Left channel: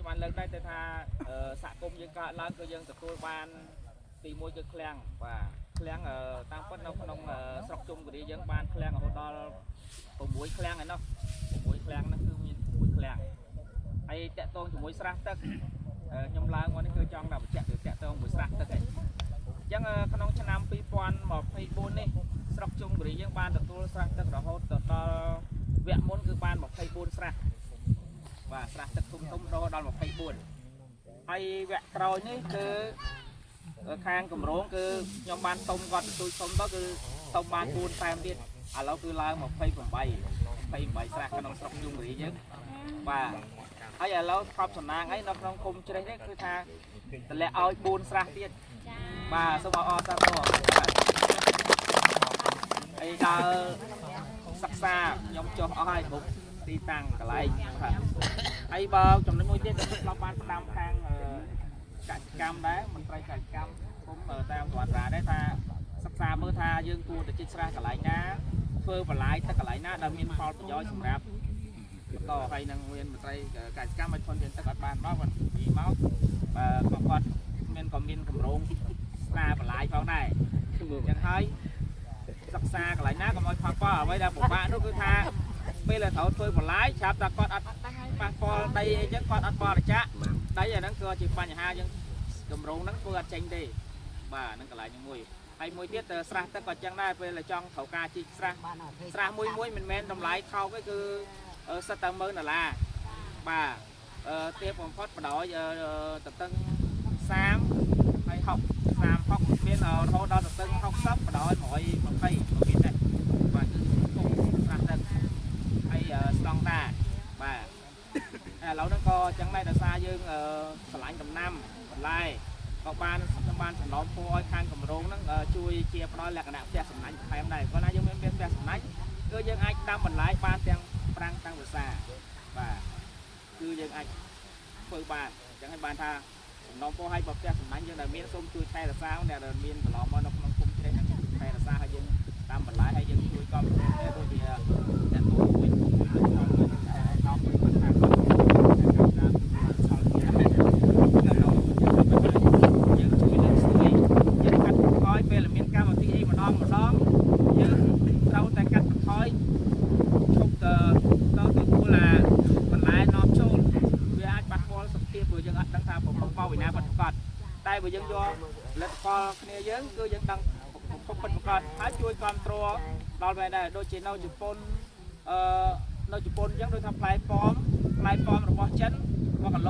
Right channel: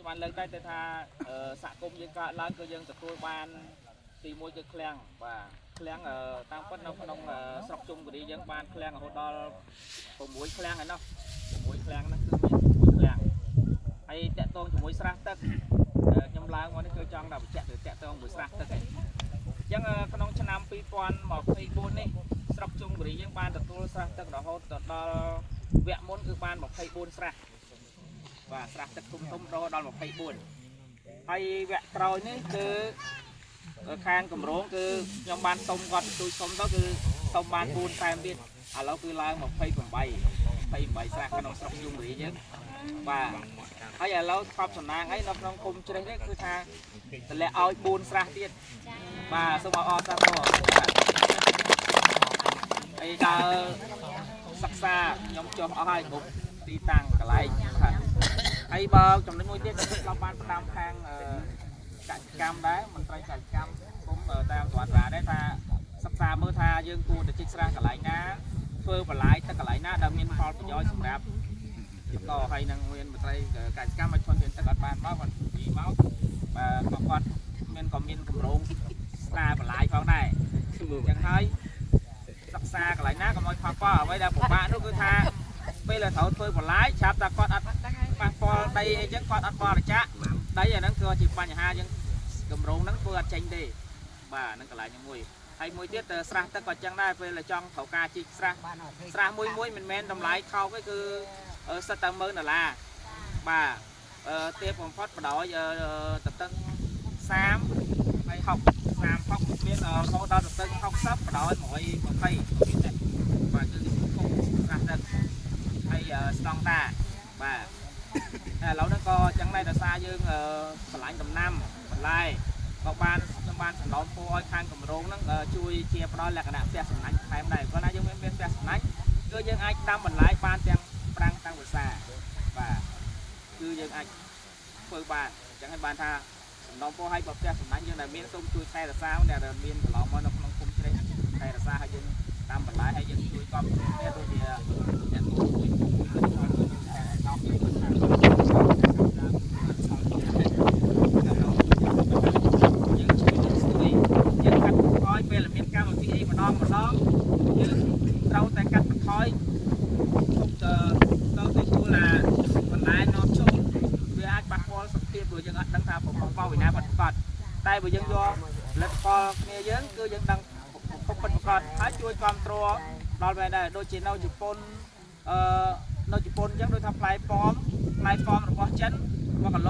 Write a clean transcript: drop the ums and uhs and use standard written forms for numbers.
នេះបានលើកដែរទៅថាសហគមន៍យើងកើតឡើងគឺយើងទទួលបានទី1គឺឃ្លាំងបាទឃ្លាំងតាមពិតនៅក្នុងស្រុកជុំគិរីយើងបានឃ្លាំងរហូតដល់6ឃ្លាំងហើយនោះ6ឃ្លាំងហ្នឹងគឺមាន6ឃ្លាំងហើយតាក់ទងជាមួយស្រះទឹកខ្ញុំឡើងមកនេះគឺចង់ដាក់បញ្ជាក់ទៅតាក់ទងមួយស្រះទឹកឯងអញ្ចឹងក្នុងឆ្នាំ2024នេះស្រុកជុំគិរីយើងបានទទួលស្រះទឹករហូតដល់វគ្គមុនគឺបាន24ស្រះបាទស្រះទឹកធំៗដល់24ហើយវគ្គក្រោយនេះគឺខាងគម្រោងគឺខ្ញុំបានសុំគាត់ទទួលសុំទៅគឺសុំបាន4តែមទៀតឥឡូវគឺឡើង28ស្រះក្នុងស្រុកជុំគិរីយើងបាទហើយឥឡូវស្បសំណាងអីនៅក្នុងគុំជ្រេះនេះគឺថាតម្លាក់ឲ្យ4ស្រះទៀតបាទសូមអរសាទរបាទហើយដល់សិក្សាខ្ញុំចុះអស់ហើយគ្រប់ទីតាំងកន្លែងបាទហើយបើចំណុចមួយទៀតខ្ញុំស្លាប់បានផ្ដាំខាងកសិកម្មដែរមន្ត្រីកសិកម្មគុំតាមស្វត្តរាដែរថាសិក្សាមើលថាយើងគួរទៅជីកស្រះកន្លែងណាធ្វើបន្លាយទឹកកន្លែងណាដែលមានផលប្រយោជន៍សម្រាប់បន្តហើយនឹងមានមន្ត្រីកសិកម្មឲ្យធនធានទឹកអត់បានមកគាត់និយាយមកបាទគាត់មានកម្រងស្រាបន្លាយផងដែរអញ្ចឹងហើយសិក្សាកន្លែងណាក៏មកផលអ្វីដែលពិបាកនោះគឺថាពេលដែលត្រូវធ្វើបន្លាយឆាប់តែគាត់អត់ប៉ះពាល់ដីអីចឹងគាត់អត់បរិច្ចាគដីអាហ្នឹងគឺជាបញ្ហាយើងកម្រងហ្នឹងធ្វើអត់ចេញទេបាទហ្នឹងកន្លែងមួយហើយមួយទៀតស្រះទឹកក៏ចឹងដែរពេលចង់ត្រូវការជីកស្រះមួយមិនមែនតម្លៃខោកទេគឺសិតតែ$1,000បាទទាបបំផុតបដ ாய் តតឹង30ហើយ60មានរហូតដល់តតឹង60បដ ாய் 120មានដែរបាទគឺគុំស្រះទឹកហើយស្តង់ដាបាទឥឡូវហ្នឹងក៏ចឹងដែរដោយសារយើងឆ្លាញ់ដំណាំបន្លែក៏បានសំណូមពរឲ្យខាងគម្រោងហ្នឹងជួយជាផ្ដល់លក្ខណៈផ្ទះសំណាញ់ថែមដែរព្រោះណាយើងមានផ្ទះសំណាញ់គឺយើងអាចដាំបន្លែបានទាំងប្រាំងទាំងវស្សាបាទគឺយើងអាចធ្វើបានអញ្ចឹងហើយបានថាសំណូមពរឲ្យផ្ទះសំណាញ់យើងដែលមានសូមជួយថែរក្សាដែលមានកន្លងមកនៅក្នុងគុំជ្រេះហ្នឹងថែរក្សាឲ្យយើងតាមបន្លែហើយយើងជួយគ្រប់គ្រងដូចជាអ្នកទូជួយដល់ពីខាងពេលមានកម្មវិធីអីម្ដងយើងត្រូវតែកាត់បន្ថយទុកទៅទទួលបន្លែនាំចូលវាអាចប៉ះពាល់សុខភាពព្រោះយើងអត់ដឹងថាប្រភពមកពីណាពិតប្រាកដតែបើយើងយកផលិតផលគ្នាយើងគឺយើងដឹងប្រភពពិតប្រាកដហើយជួយគ្រប់គ្រងដល់វាដែរដូចជានៅជប៉ុននៅជប៉ុនអញ្ចឹងដូចថាផ្លែប៉ោមរបស់ចិន1គីឡូ